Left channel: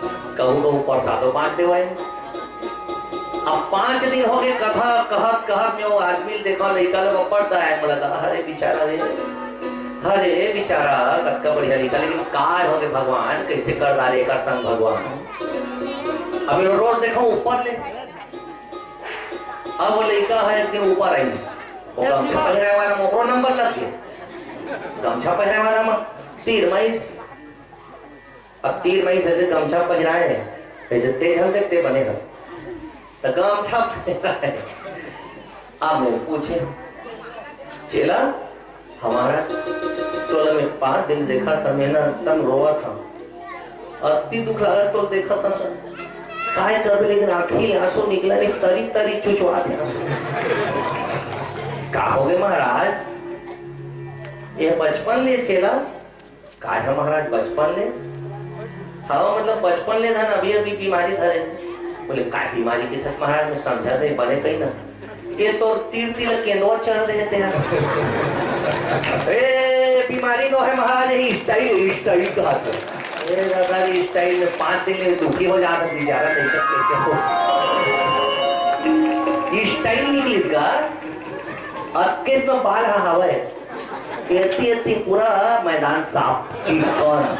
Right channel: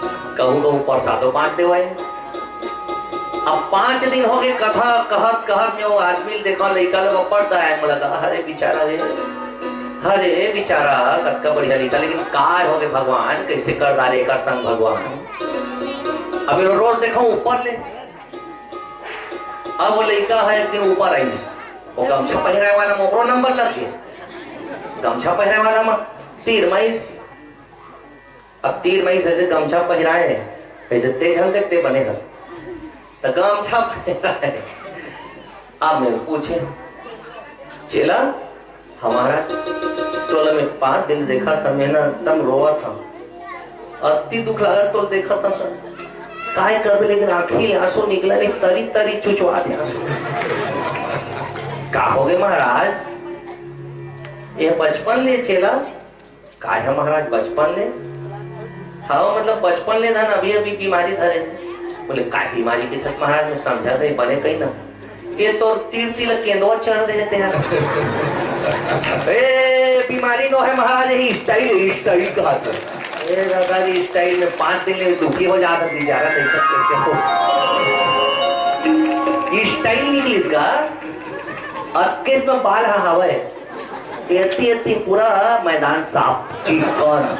कहूँ कहूँ प्रसादो बांट देवाए। अब 5 दिन हो गए कथा कहत कहत में वो आदमी देखो लड़का लोग पढ़ता है, मुझे लगा अरे बेचारा रे, अरे बेचारा सबका बढ़िया लिखा, लेकिन काय हो गए भगवान कैसे कर डाले कर संग भगवान। अभी रोज देखो ऊपर ले, अब वो लड़का है कि ऊपर आई, वो गमछा पहने वाला मोकरो नंबर लगे, गमछा पहने वाला में तीर मईस, अब तीर मईस ऐसे गमछा पहनाए ऐसे तेज हंस सकते बने हंस, तो गमछा पहना है। अब मेरे पूछे चेला हमारा टोला में 5 दिन देखा था, मैंने एकदम रोआ था, अति दुख लगा तो देखा था सर काय कर, लेकिन आखिर आंसू निकला नहीं, तरी तरी चुचवा थे आंसू। का हो गए महाराज, ये बचपन ले चेला, का है महाराज बचपन ले? हाँ मतलब बचपन ले था ना, अभी अभी बीमारी धरे। बोले का बीमारी की तक महाराज में समझा दे बने कहीं ना, ये तो तीर तिलक केंदुआ चढ़ देते हैं। ए बीमारी तो है महाराज, यही स्टाइल स्टाइल कहा था, दादा जी स्टाइल में 5 दिन में दुखी हो जाता बेचारा, नहीं सकते हो स्टाइल निकली इसका। अक्केस में बाल हवा है, एती पूरा मैदान साफ चिकन।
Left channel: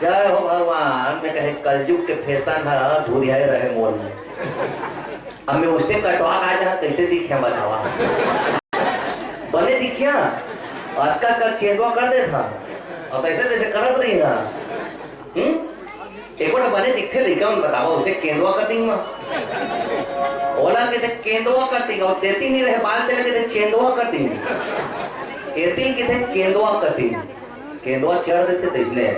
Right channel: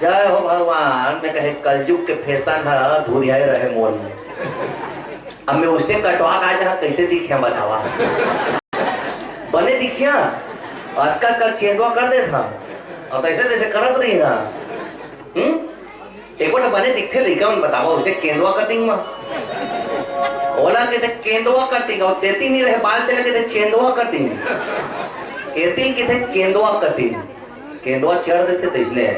जय हो भगवान, मैं कहे कलयुग के फैशन है धुरिया रहे मोल में। अब मैं उससे कटवा आ जहाँ कैसे दिखे बतावा, बने दिखिया और का चेंदवा कर दे था, और ऐसे जैसे करत रही ना। एक बार बने दिखते लड़का उन बतावा उसे केंदवा कटिंग में, ओला कहते केंदवा कटिंग, और देती नहीं रहे बाल चले कहते चेंदवा कटिंग, ऐसी कहते केंदवा कटिंग, केंदवा चढ़ देते तो इसलिए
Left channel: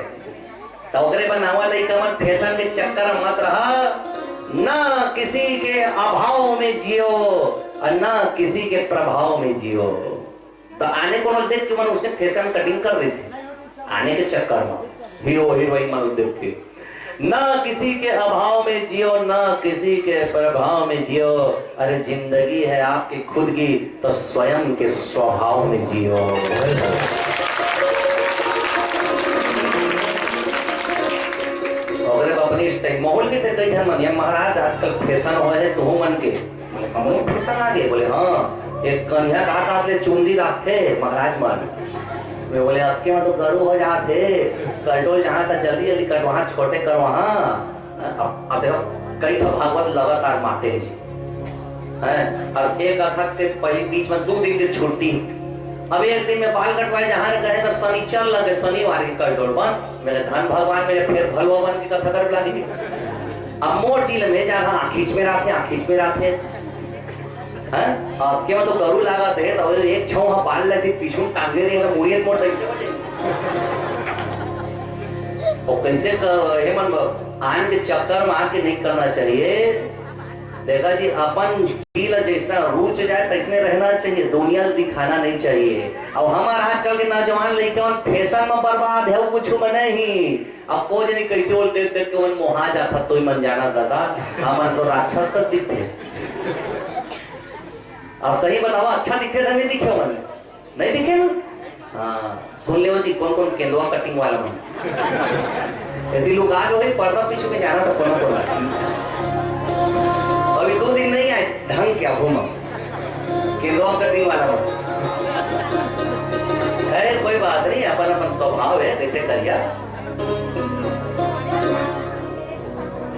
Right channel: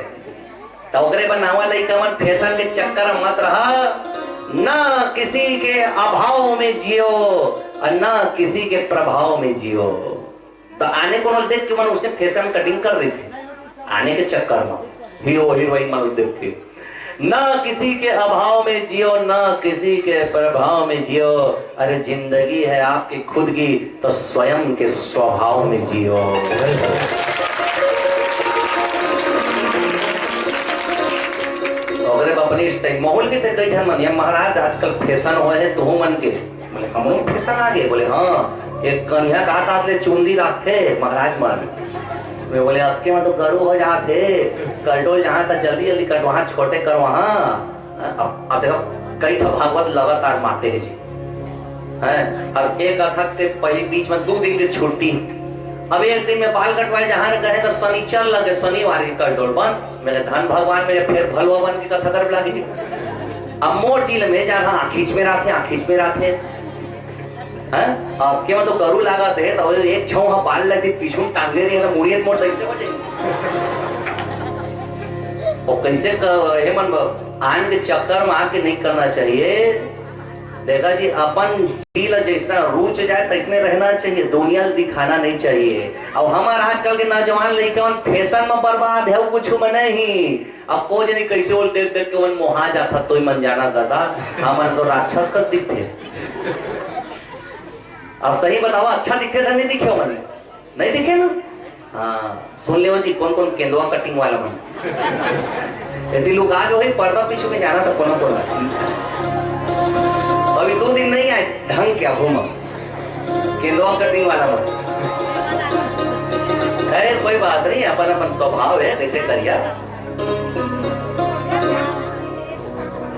तो बनावा लड़का मन फैशन के चक्कर मत रहा, न किसी के अभाव में जियो और न किसी के प्रभाव में जियो। तो आने को देख के मन उसे फैशन कटिंग कर रही थी, आने के चक्कर में हीरो हीरोइन मन देख के, न किसी के अभाव में जियो न किसी के प्रभाव में जियो। अरे जिंदगी है आपकी खुद की, तो स्वयं के स्वभाव में जियो। अपनी माहौल के कई जन मन महाराज आजकल फैशन हो है तो मन के, बोले हम फैशन आ गए, बोले हाँ एक कन्या काट आपने चुंदी रखे महाराज मन में, बोले अक्के में तो गरु हो जाते कटो जहाँ तक जल्दी जल्दी कट वहाँ छोटे कर वहाँ। अब देखो कई तो भागवत लगातार मारते हैं, और एक अथक के पहले बीच में 2 दिन की छुट्टी, अब एक दिन में बाल कटवाए जहाँ गए तो शनिचर लगे, शनिवार की कर बंद, मेरे धन भगवान मेरे फिर भलवान की कथा कर लगी। अब मोर जिले में जहाँ आखिच में राखे हैं, अब क्या तो गरु लगा थे तो एक छौ वहाँ बाल लगे पीछू टांगे रही है मुड़ियत मोड़ कैसे बजे, और कैसे हे मन आन के चक्कर में आके नहीं करना चाहिए। देखा जी अपन दिल जैसा रूच जाए तैसने रहना चाहिए, दुनिया दिखाना नहीं चाहिए। अब हमारा आजकल के नौजवान लड़के फैशन में बर्बाद है, कुछ में नहीं। अब को नहीं कैसे बोल देख देख के मन मोहा जाता तो ही मन जाना दादा, हमारे तो राक्षस का दिखते। अब सही बताओ अच्छा दिखे था नहीं दिखे मन नहीं दिखे ना? हाँ सुन ले जी कौन कौन केंदुआ कटिंग वाला मन यदि लोग आज हो पर्दा पीछे में जाना था कौन कौन, अभी 2 दिन नहीं आए ढंग क्या घूमा केंदुआ कटिंग वाला मन। अरे कोई बात नहीं, अपन अपन स्वभाव है कैसे करिया।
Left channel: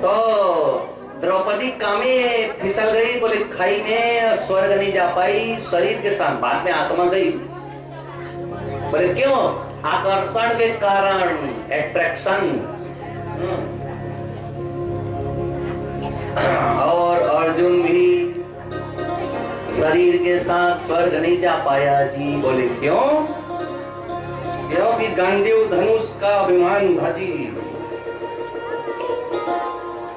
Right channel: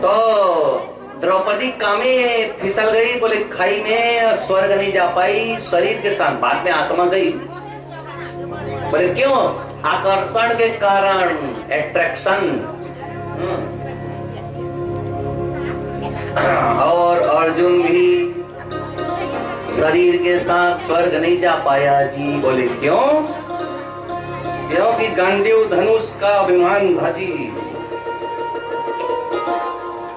तो द्रौपदी कामे फिसल गई, बोले खाई में स्वर्ग नहीं जा पाई, शरीर के साथ बाद में आत्मा गई। बोले क्यों? आकर्षण के कारण, एट्रैक्शन। और अर्जुन भी शरीर के साथ स्वर्ग नहीं जा पाया जी। बोले क्यों? क्योंकि गांडीव धनुष का अभिमान भाजी।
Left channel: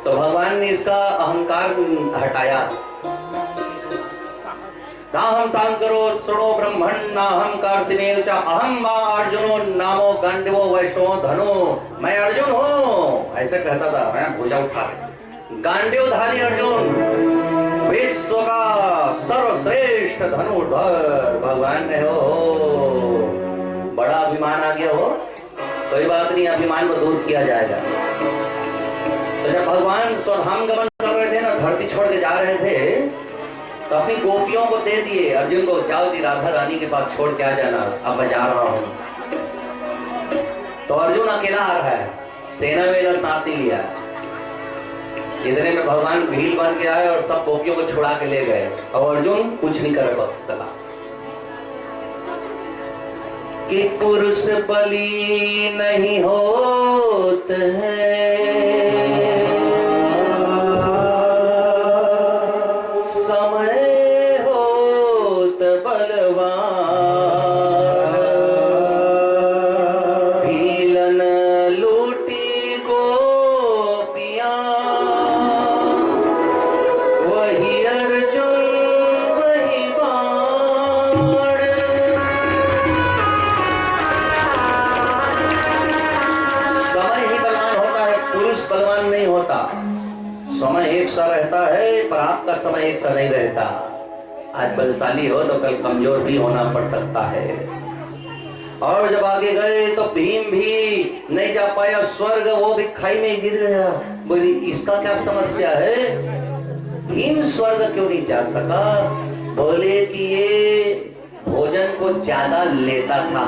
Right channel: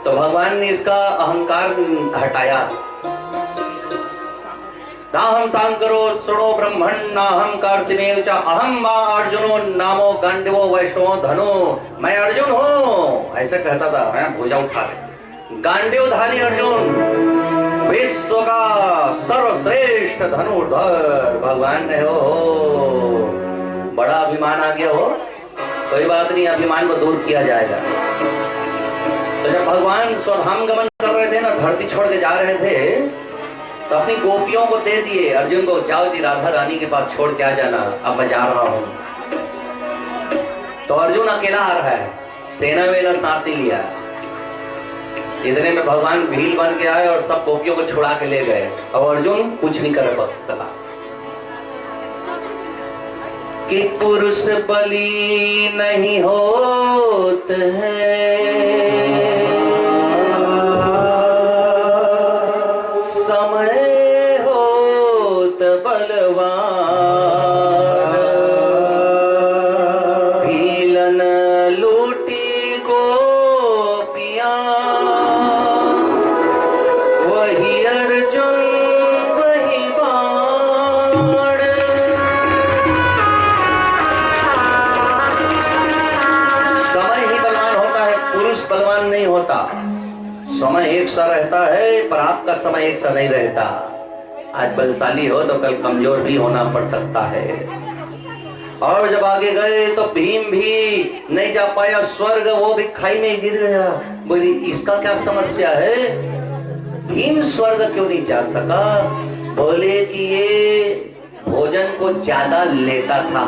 तो भगवान ने इसका अहंकार हटाया। नाहं सांकरो सुरो ब्रह्मण नाहं कार्तिमेव च अहं वा अर्जुनो नामो गांडीवो वैष्णो धनो। मैं अर्जुन हूँ ऐसे कहता था, मैं भुजा उठा ले। गांडीवधारी अर्जुन विश्व का सर्वश्रेष्ठ धनुर्धर भगवान ने हो। बड़ा अभिमान आ गया हो, कोई बात नहीं, अभिमान को दूर किया जाएगा। तो जब भगवान स्वधाम गमन कर रहे थे ना, धरती छोड़ के जा रहे थे, तो अपनी गोपियों को दे दिए अर्जुन को, जाओ जी राधा रानी के पास छोड़ के आ जाना, अब मैं जा रहा हूं। तो अर्जुन अकेला आ रहा है, सेना वेना साथ नहीं लिया। इतने में भगवान भील बन के आए और सब गोपियों को छुड़ा के ले गए। अब अर्जुन कुछ नहीं कर सका कि पुरुष बलि नहीं होत है, समय होत बलवान, भीलन लूटी गोपियां, वही अर्जुन वही बाण। समय ही बलवान होता है, पुरुष बलवान नहीं होता। समय एक सा रहता है पर आपका समय एक सा नहीं रहता। आज बलशाली हो तो कल कमजोर भी होना पड़ सकता है। और जब आगे गए तो भीम भी नहीं जा पाया स्वर्ग, वो भी खाई में गिर गया। बोली इसका क्या समस्या है, भीम स्वर्ग क्यों नहीं जा सका? बोले कि ये भोजन को ज्यादा लेता था।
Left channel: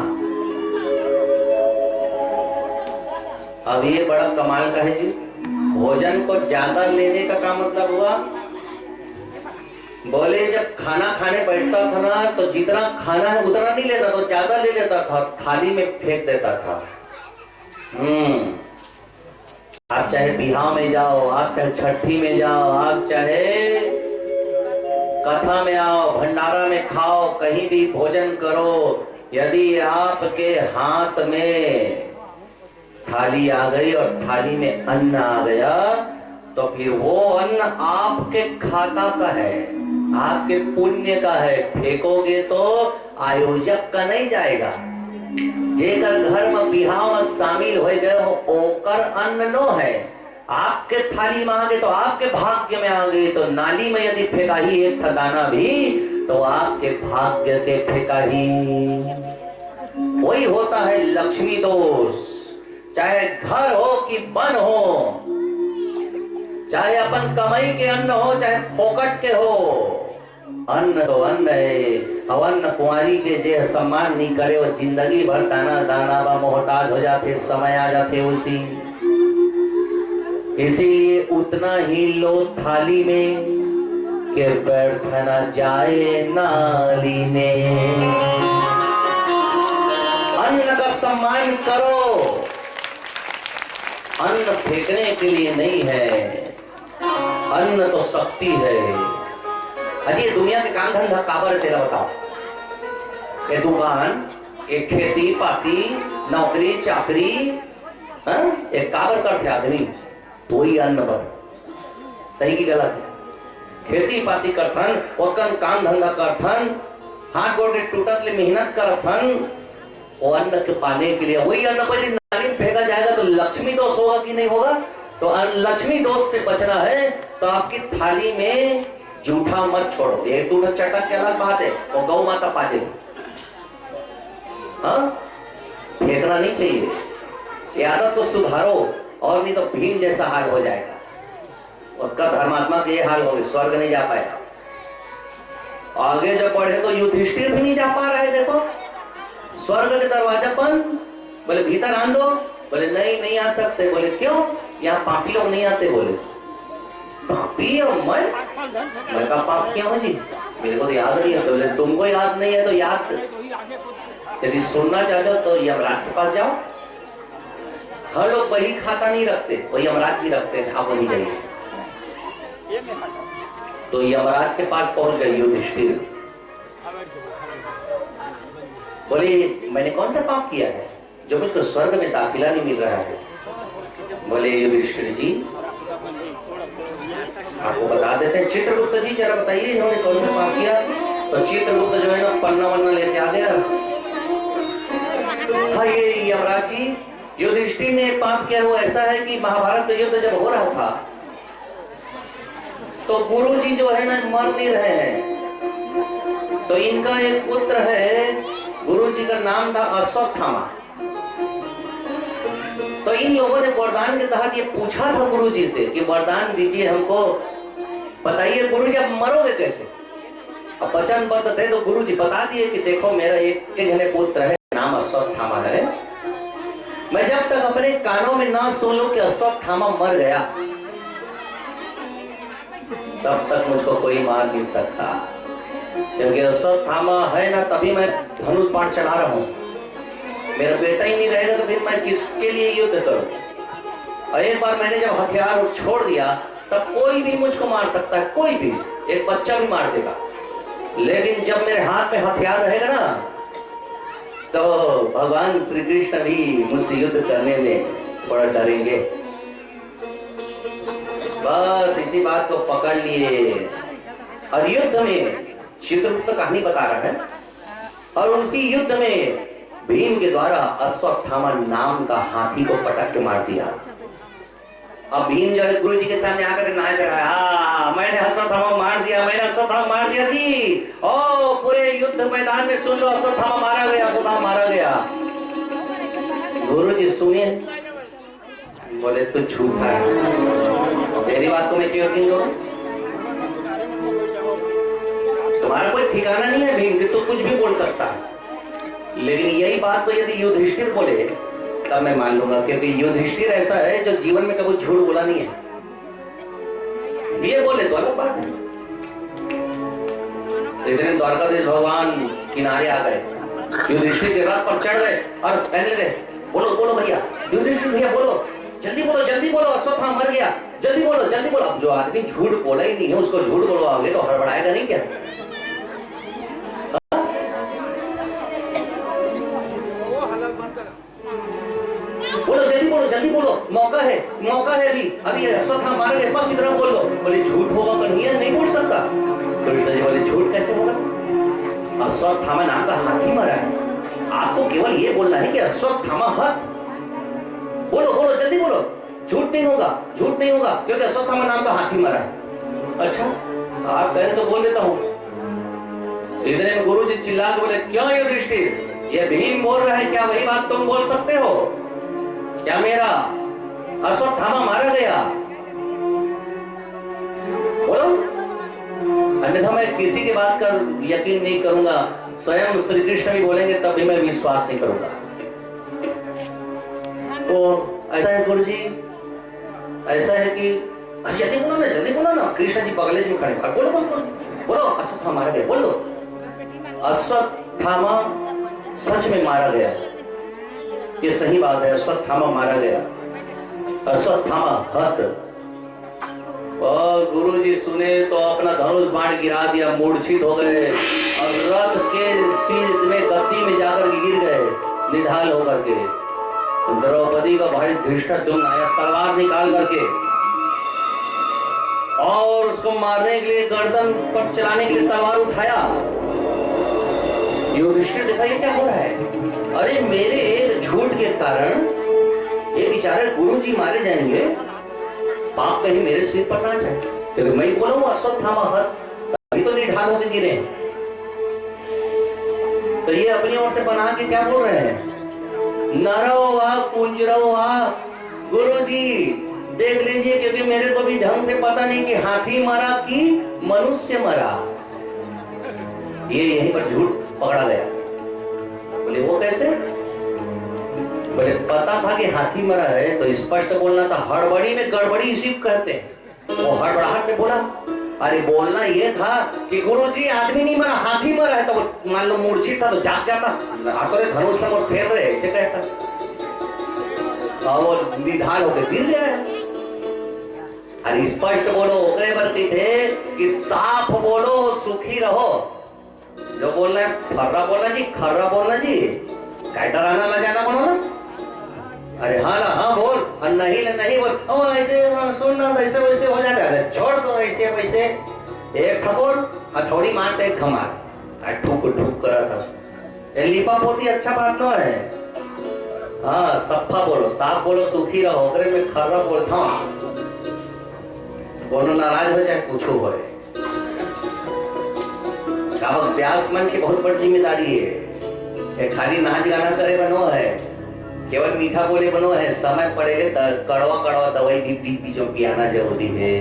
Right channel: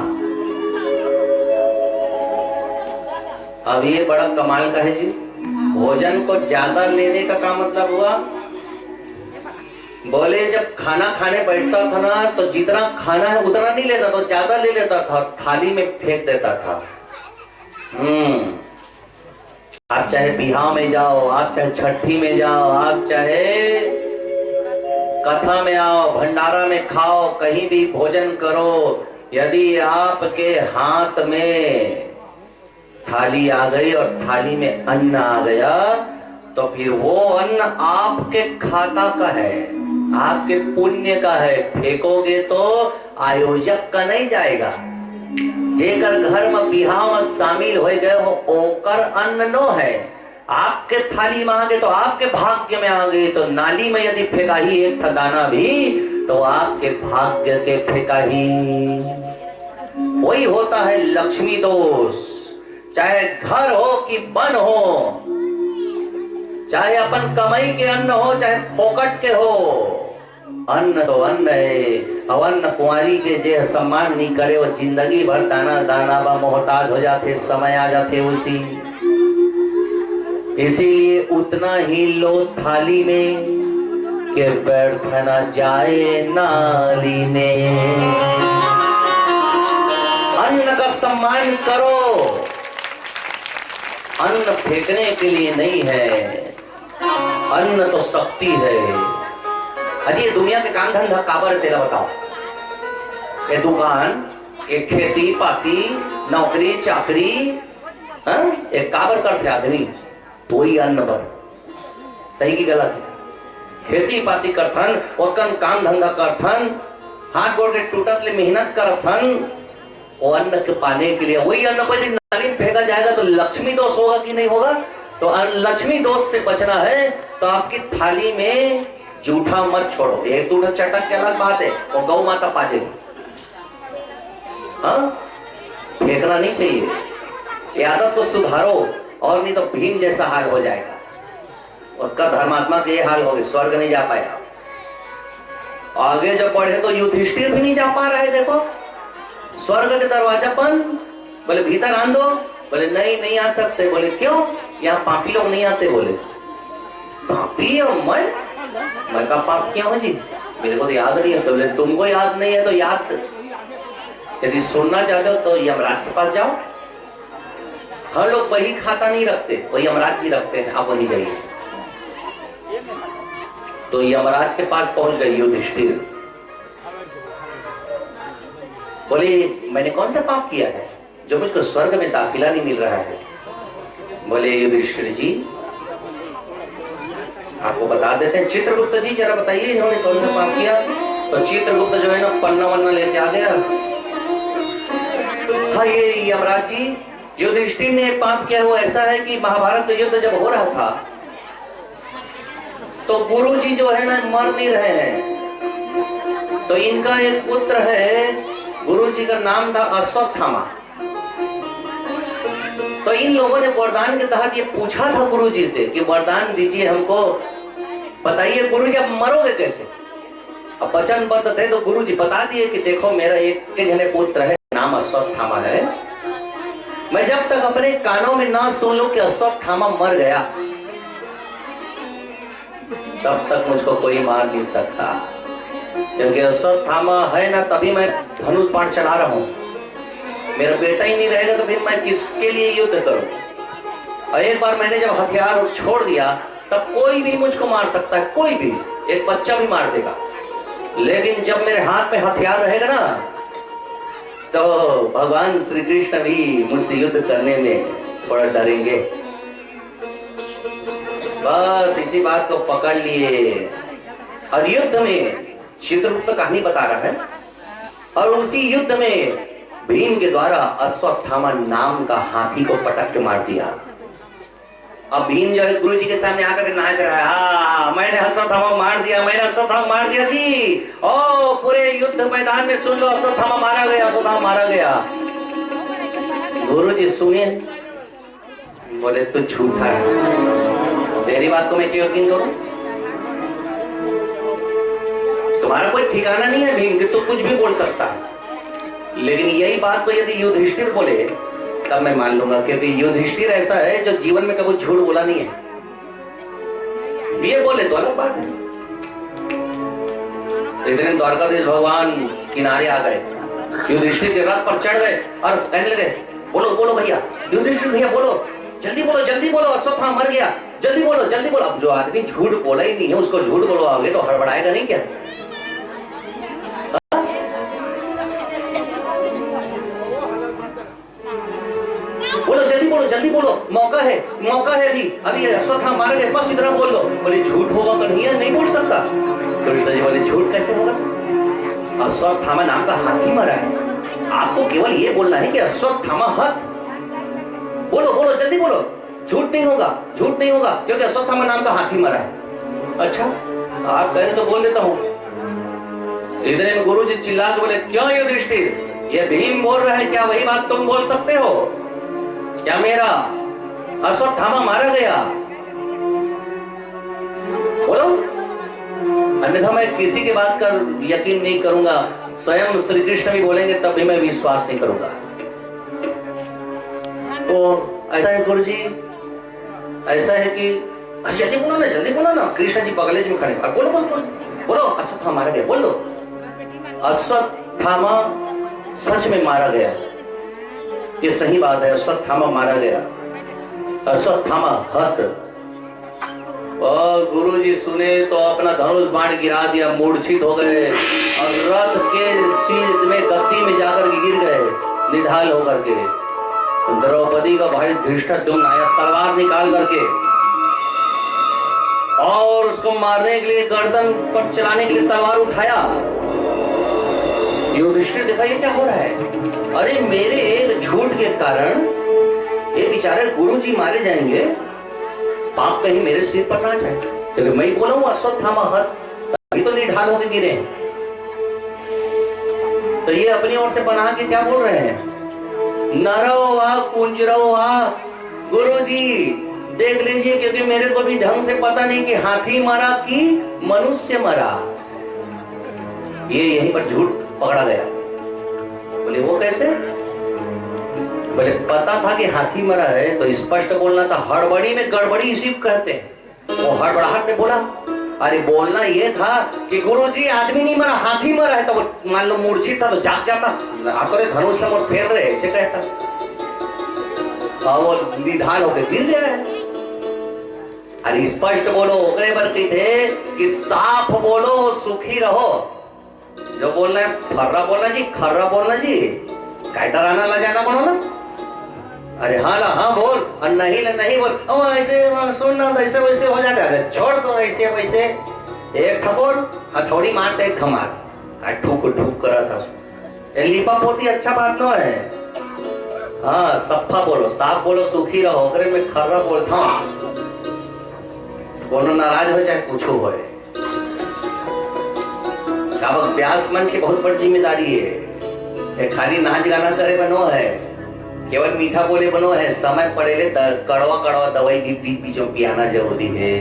अब ये बड़ा कमाल का है जी, भोजन को ज्यादा लेने का क्या मतलब हुआ? बोले जब खाना खाने बैठता था ना, तो जितना खाना है उतना नहीं लेता, तो ज्यादा ले लेता था, थाली में फेंक देता था। आप चाहे बिहाव में जाओ, आप चाहे छठी में जाओ, आप चाहे कथा में आओ, भंडारा में खाओ, कहीं भी भोजन करो, यदि आपके हाथ में थाली आ गई और थाली में अन्न आ गया, तो फिर वो अन्न आपके खाता का है, आपके पुण्य का है। फेंकोगे तो आयोजक का नहीं जाएगा। जेकर घर में बिहाव में शामिल हो गए हो, ओकर अन्न नो है। आपके थाली में आ गए तो आपके भाग्य में आ गए, तो नाली में यदि फेंका ही एक दाना भी, तो आपके भाग्य के फेंका ही। वही होता है लक्ष्मी दोष। चाहे घर हो कि वन हो, चाहे अपन कमाई के अन्न हो चाहे फोकट के हो, अन्न तो अन्न है। अवन्न कुंवारी के जे सम्मान नहीं करे, वो जिंदगी भर दाना दाना बा मोहताज हो जाते, समय आ जाते उसी। इसीलिए उतना ही लो थाली में कि बैठना जाए नाली में। अन्न का सम्मान करो, अन्न फेंकने के लिए नहीं है, अन्न तो शक्ति है। अजी दुनिया के काम धंधा काबर तेरा बताओ, ये दुकान, एक खेती पाती, नौकरी चाकरी, एक काबर करते आदमी, वही अन्न पर। सही की गलत है? खेती पाती करथन, ओकन काम धंधा करथन, हाथ गोड़ के टूटत ले मेहनत करथन, वो अन्न के पाने के लिए। वही अन्न पर नाली में फेंका जाएगा तो लक्ष्मी दोष होगा कि नहीं होगा? तो लक्ष्मी दोष से बचना है तो आपकी थाली में जूठा मत छोड़ो। एक दूठा चटक के अलग बात है, वो गौ माता पा जाएगी। हाँ, फेंकना नहीं चाहिए। ये आदत को सुधारो, और नहीं तो भीम जैसा हाल हो जाएगा। उसका धर्मात्मा के ये हाल हो गए, स्वर्ग नहीं जा पाएगा। आगे जब बढ़े तो युधिष्ठिर भी नहीं जा पा रहे। देखो स्वर्ग के दरवाजा बंद, बोले भीतर आन दो, बोले नहीं नहीं आ सकते। बोले क्यों? यहाँ पापी लोग नहीं आते। बोले पापी और मैं का पाप क्या हूँ जी? मेरे को तो याद नहीं है। तो बोले तुमको याद नहीं है तो याद, यदि सुनना चाहते हो तो यमराज के पास जाओ। हर लोग वही खाता नहीं रखते, वही यमराज जी रखते हैं, आप वही जाइए। तो यमराज के पास पहुंच गए युधिष्ठिर। बोले मैंने कौन सा पाप किया है जो मुझको स्वर्ग में दाखिला नहीं मिल रहा है? बोले युधिष्ठिर जी आपको बता देते हैं। चित्रगुप्त जी जरा बताइए इन्होंने कौन सा पाप किया। तो चित्रगुप्त जो है ना पन्ना वन्ना लेके आ गया। हाँ ये यमराज जी, युधिष्ठिर ने पाप किया वो ऐसा है कि महाभारत का युद्ध जब हो रहा था तो गुरु जी जो है ना मर नहीं रहे हैं। तो इनका एक पुत्र है, गुरु जी का नाम था अश्वत्थामा। तो इन लोगों ने वरदान के तहत ये पूछा था गुरु जी से कि वरदान दीजिए हमको, बताइए गुरु जी आप मरोगे कैसे। अब वचनबद्ध थे तो गुरु जी बता दिए कि देखो मेरा एक जने पुत्र है, नाम अश्वत्थामा है। मैं जब तक अपने कानों में ना सुन लूं कि अश्वत्थामा मर गया, तब तक मुझको कोई मार नहीं सकता। क्योंकि अश्वत्थामा है ना, तभी मैं धनुष बाण चला रहा हूं। मेरा बेटा ही नहीं रहेगा तो फिर मैं किसके लिए युद्ध करूं। और एक बार मैंने जब हथियार छोड़ दिया, तब कोई भी मुझको मार सकता है, कोई भी, एक बच्चा भी मार देगा। लेकिन जब मेरे हाथ में हथियार रहेगा ना, तो भगवान श्री कृष्ण भी मुझसे युद्ध करने में थोड़ा डरेंगे। बस इसी बात को पकड़ लिए। और युद्ध में चित्रगुप्त कहानी बता रहा है, और उसी युद्ध में भीम के द्वारा अश्वत्थामा नाम का हाथी को पटक के मार दिया। अब भीम जो है गुरु जी के सामने आकर नाच रहा है, हाँ मैंने अश्वत्थामा मार दिया, मैंने अश्वत्थामा मार दिया जी। ओ पूरे युद्ध मैदान में सुन लो, अश्वत्थामा मारा गया, अश्वत्थामा मारा गया। गुरु जी सुने, बोले तू झूठा है, तेरी बात को मैं क्यों यकीन करूं। तुम्हारा कोई ठिकाना नहीं है भीम कि तू कुछ भी बोल सकता है। लेकिन यही बात तो यदि युधिष्ठिर बोले तब मैं मान लूंगा, क्योंकि युधिष्ठिर ऐसा है जो जीवन में कभी झूठ बोला नहीं है। ये बोले तो अलग बात है। इतने द्वारकाधीश भगवान किनारे आ गए, युधिष्ठिर के रथ पर चढ़ गए और कहने लगे, बोलो बोलो भैया, युधिष्ठिर भैया बोलो, जल्दी बोलो जल्दी बोलो, अश्वत्थामा मर गया, जल्दी बोलो जल्दी बोलो। अब जो आदमी झूठ बोला ही नहीं है उसको झूठ बोलवाओगे तो हड़बड़ाएगा नहीं क्या। बोलो जल्दी बोलो जल्दी बोलो, मौका है अभी अभी अश्वत्थामा मारा गया, बस इतना बोल लो। बोले झूठ होगा तो नहीं बोल सकता। कृष्ण जी बोले झूठ कैसे होगा, अश्वत्थामा नाम का हाथी मरा है, आपको केवल ये बोलना है कि अश्वत्थामा हत। बोलो बोलो जल्दी बोलो, झूठ नहीं होगा क्योंकि अश्वत्थामा नाम का हाथी मरा है। अच्छा आप कहें तो बोल देता हूं। इतने में गुरु जी चिल्ला के बोले, क्यों युधिष्ठिर, ये भीम बोल रहा है, क्या वही बात तुम बोल सकते हो क्या, मेरा अश्वत्थामा मारा गया, बोलो, अन्यथा मैं किसी की बात कर यकीन नहीं करूंगा। स्वयं श्री कृष्ण भी बोलेंगे तब भी मैं विश्वास नहीं करूंगा। तो ऐसा है गुरु जी, ऐसा है कि जल्दी बोलो ना, कृष्ण जी बगले में खड़े, बोलो बोलो बोलो बोलो, अश्वत्थामा मारा गया, बोलो। अश्वत्थामा सच में मारा गया, ये सही बात है, अश्वत्थामा मारा गया, अश्वत्थामा हत। और गुरु जी सुने तो अपना धनुष बाण गिरा दिया, मूर्छित हो गए और रथ के सिर में गति में जाकर गिर गए निढाल होकर के। द्रौपदी का भाई धृष्टद्युम्न आया तलवार निकाल करके और उसको मारने के लिए, गर्दन पर चलाने के लिए तलवार उठाया। युधिष्ठिर देखा ये क्या हो रहा है, अरे मेरे एक झूठ के कारण ये बेचारे गुरु जी मारे जाएंगे, पाप कहीं मेरे सिर पर ना जाए। क्योंकि मैं बोला हूं अश्वत्थामा हत, अभी तो निढाल होकर गिरे। तो ये अपनी ओर से बना के क्या बोल रहे हैं, नरो वा कुंजरो वा। गुरु जी देख लीजिए, क्योंकि मेरे को भी ढंग से पता नहीं कि हाथी मरा कि मनुष्य मरा। ये यहीं पर झूठ पकड़ा गया। बोले वो कैसे, बोले पता था कि हाथी मरा है तो स्पष्ट बोलना था, हड़बड़ी में गड़बड़ी इसी को कहते हैं। वो हड़बड़ाहट में बोला, अरे बोलना ये था कि गुरुजी आदमी नहीं मरा, हाथी मरा है। तो मान लो मूर्छित था तो जाग जाता, आकर धनुष से मोड़ फेर रहे ऐसे कहता, और वो निढाल होकर गिर गया है। अरे स्पष्ट बोलो, ओकरे बरती थे कि साफ बोलो सुखी रहो। जो बोलना है फर्रा बोलना जी, खर्रा बोलना जी, कहता रहना ला जाना बोलो ना। अरे हाँ ला हाँ बोल, और नहीं बोल, ओ ऐसे सुनना ऐसे वैसे हो जाता है, छोड़ दो ऐसे वैसे, एक ठपोर हथौड़ी मारते एक खमार, ठूक ठूक करा था। लिपा पोती अच्छा बात न है। हाँ सफा बोलो, साफ बोलो, सुखी रहो, ओकरे में खर्रा बोलता हूँ, कोनो नाराज हो जाए कुछ हो। व्यास मन की बहुत बड़ी जिम्मेदारी है, खाली नाच गाना करे बनो है, केवल मीठा बोले बनो है, समय पड़ेले कड़वा कड़वा दवाई भी बीच बीचों पियाना जरूरी है।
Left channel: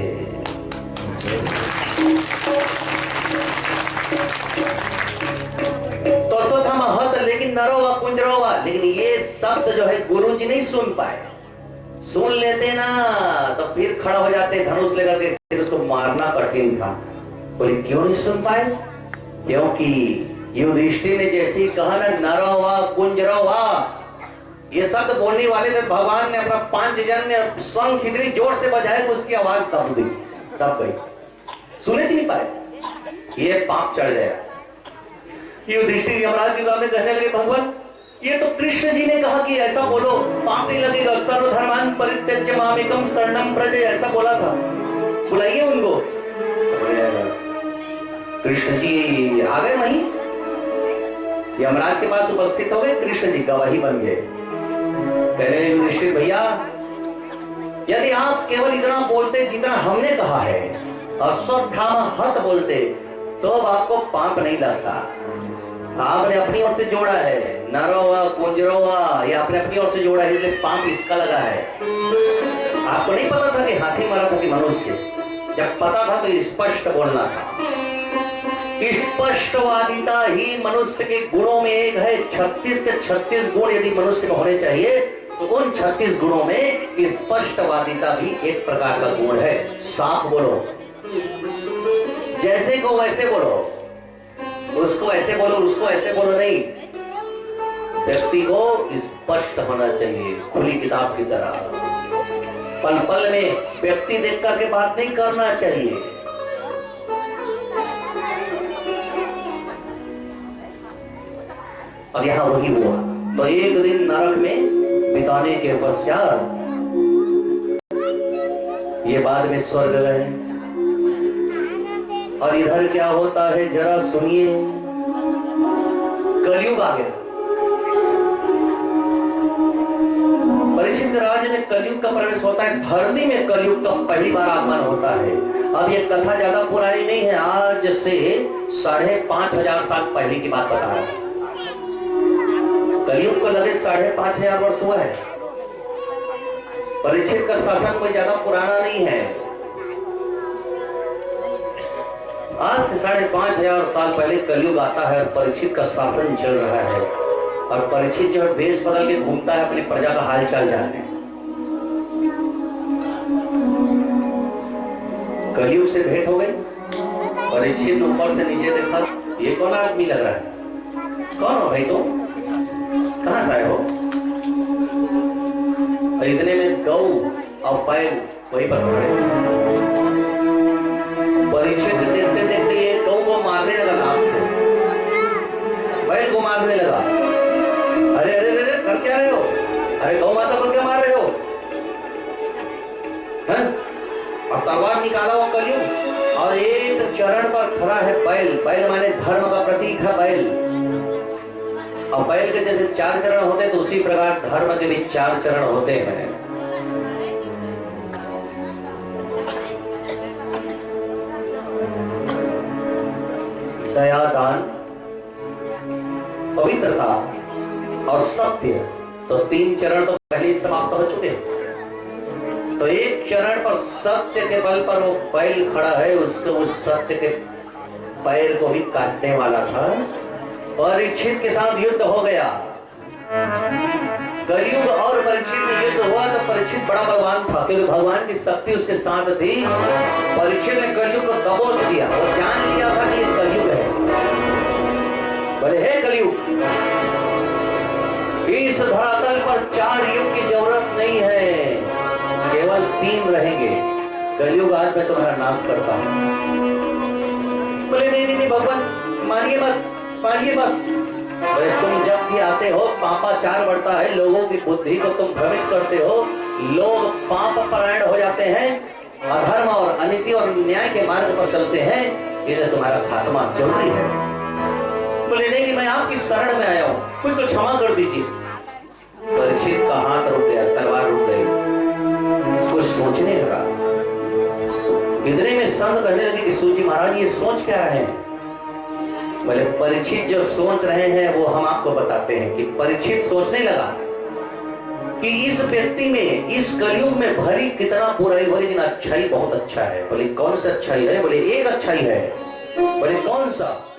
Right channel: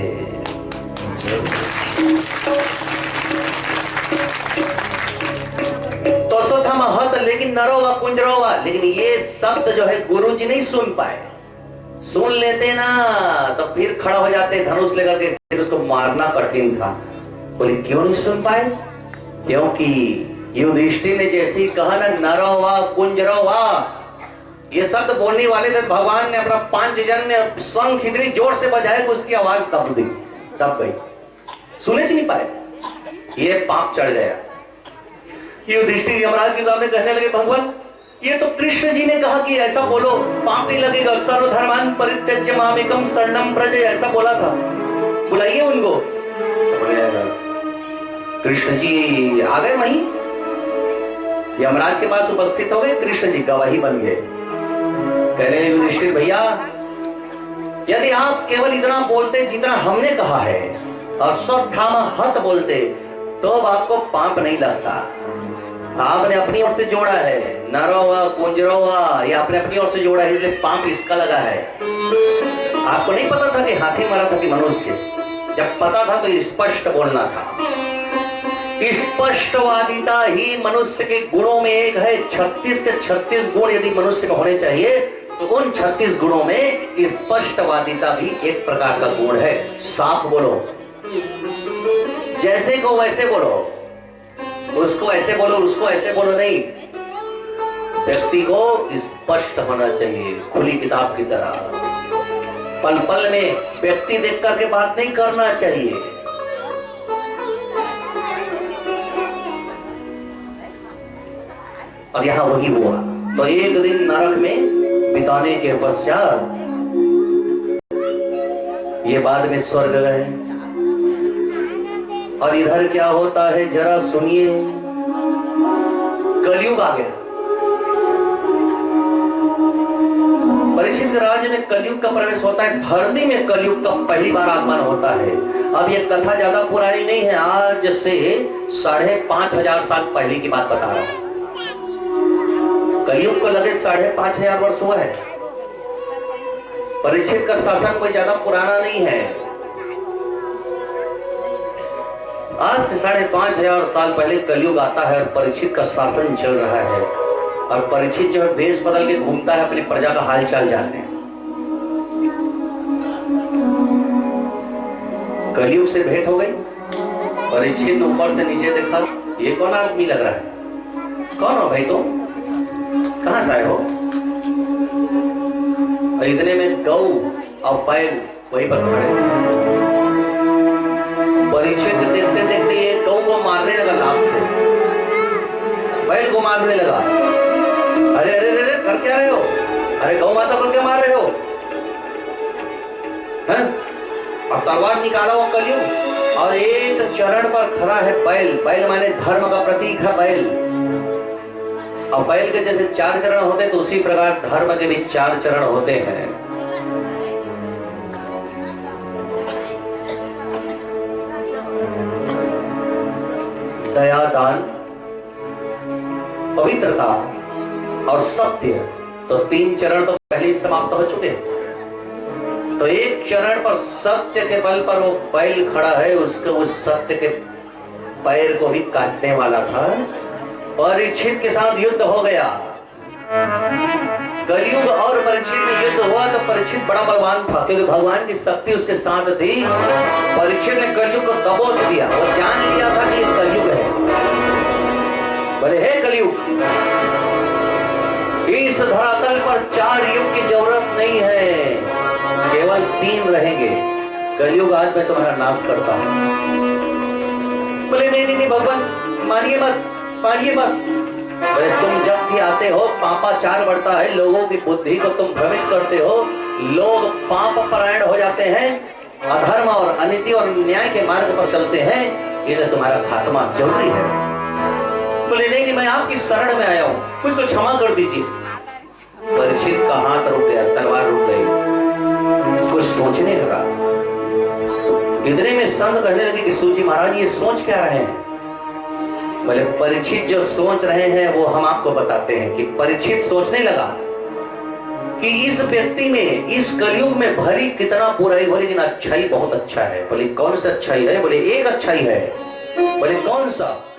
तो सो था महत लेकिन नरोवा कुंजरोवा, लेकिन ये शब्द जो है गुरु जी नहीं सुन पाए। सुन लेते ना तो फिर खड़ा हो जाते धनुष लेकर के, फिर उसको मारना कठिन था। बोले क्यों नहीं सुन पाए? क्योंकि युधिष्ठिर ने जैसे कहा ना नरोवा कुंजरोवा, ये शब्द बोलने वाले थे, भगवान ने अपना पांचजन्य शंख इतनी जोर से बजाया कि उसकी आवाज दब गई, दब गई, सुने नहीं पाए। ये पाप चढ़ गया। युधिष्ठिर यमराज के सामने कहने लगे भगवान ये तो कृष्ण जी ने कहा कि ऐसा बोलो पाप नहीं लगेगा, सर्वधर्मान परित्यज्य मामेकम शरणम व्रज, ऐसा बोला था, बुलाइए उनको। कृष्ण जी आ गए वहीं, यमराज के पास उपस्थित हो गए, कृष्ण जी गवाही बन गए। कहने युधिष्ठिर भैया यदि आप केवल इतना बोलते जितना हमने कहा है, अश्वत्थामा हत बोलते, तो अब आपको पाप नहीं लगता। आपने अपनी ओर से जोड़ा है, नरोवा कुंजरोवा, ये आपने अपनी ओर से जोड़ा है, इसलिए पाप इसका लगा है। आपको नहीं पता था कि हाथी मारा था कि मनुष्य, जब पता था तो स्पष्ट बोलना था। स्पष्टवादिता ही मनुष्य के गुणों में एक है। 36 के 36 गुण यदि मनुष्य में होने चाहिए तो उन 36 गुणों में स्पष्टवादिता भी एक प्रकार का गुण है। साफ बोलो, जैसे को वैसे बोलो, उसको ऐसे बोलो उसको ऐसे बोलो नहीं, व्यक्ति को स्पष्ट होना चाहिए, खुली किताब की तरह। पल पल में व्यक्ति देख करके बात नहीं करना चाहिए। और यहां वही हुआ। तो एक दिन नरक में बिताने के पश्चात ये बाद में स्वर्ग गए। और इधर क्या होता है जरा सुनिए। कलयुग आ गया। परीक्षित राज में कलयुग का प्रवेश होता है। धरती में कलयुग का पहली बार आगमन होता है। अब ये कथा ज्यादा पुरानी नहीं है, आज से 5,500 साल पहले की बात बता रहा हूं। कलयुग को लगे 5,500 वर्ष हुआ है। परीक्षित का शासन कोई ज्यादा पुराना नहीं है। आज से 5,500 साल पहले कलयुग आता है और परीक्षित का शासन चल रहा है। और परीक्षित जो है भेष बदल के घूमता है अपनी प्रजा का हाल चाल जानने। कलयुग से भेंट हो गई। परीक्षित ऊपर से नीचे देखा, ये कौन आदमी लग रहा है? कौन हो भाई तुम? कहां से आए हो? इतने में गौ और बैल वहीं पर खड़े। परीक्षित देखते देखते ये गौ को मारने लगा लाभ से, बैल को मारने लगा। अरे अरे अरे कर क्या रहे हो? अरे गौ माता को क्या मार रहे हो? हैं? अब तलवार निकाला वो कलयुग और एक चरण पर खड़ा है बैल। बैल माने धर्म का प्रतीक है बैल। और बैल के जैसे 4 चरण होते तो उसी प्रकार धर्म के भी 4 चरण होते हैं। दया, दान, पवित्रता और सत्य, तो 3 चरण तो पहले ही समाप्त हो चुके। तो एक चरण पर सत्य के बल पर वो बैल खड़ा है, उसके उस सत्य के पैर को भी काटने वाला था। परीक्षित के साथ युद्ध हो गया। कलयुग और परीक्षित में युद्ध हुआ तो परीक्षित बड़ा बलवान था, क्योंकि भगवान की शक्ति उसके साथ थी। परीक्षित ने कलयुग को दबोच दिया और जान लिया था कि ये कलयुग है। बोले हे कलयुग, इस धरातल पर 4 युग की जरूरत नहीं है, केवल 3 रहेंगे। कलयुग आज मैं तुम्हारा नाश करता हूं। बोले नहीं नहीं भगवान, मानिए मत, मानिए मत। तुम जब भी आते हो पापाचार बढ़ता है, लोगों की बुद्धि को तुम भ्रमित करते हो, लोग पाप परायण हो जाते हैं, अधर्म और अनीति और न्याय के मार्ग पर चलते हैं, इसलिए तुम्हारा खात्मा जरूरी है। बोले नहीं, मैं आपकी शरण में आया हूं, कुछ तो क्षमा कर दीजिए। परीक्षित का हाथ रुक गया, तलवार रुक गई। कुछ सोचने लगा। इतने में संत कहने लगे कि सूजी महाराज ये सोच क्या रहे हैं? बोले परीक्षित जो सोच रहे हैं वो हम आपको बताते हैं। कि परीक्षित सोचने लगा कि इस व्यक्ति में, इस कलयुग में भरी कितना बुराई भरी, लेकिन अच्छाई बहुत अच्छा है। बोले कौन सा अच्छाई है? बोले एक अच्छाई है। बोले कौन सा?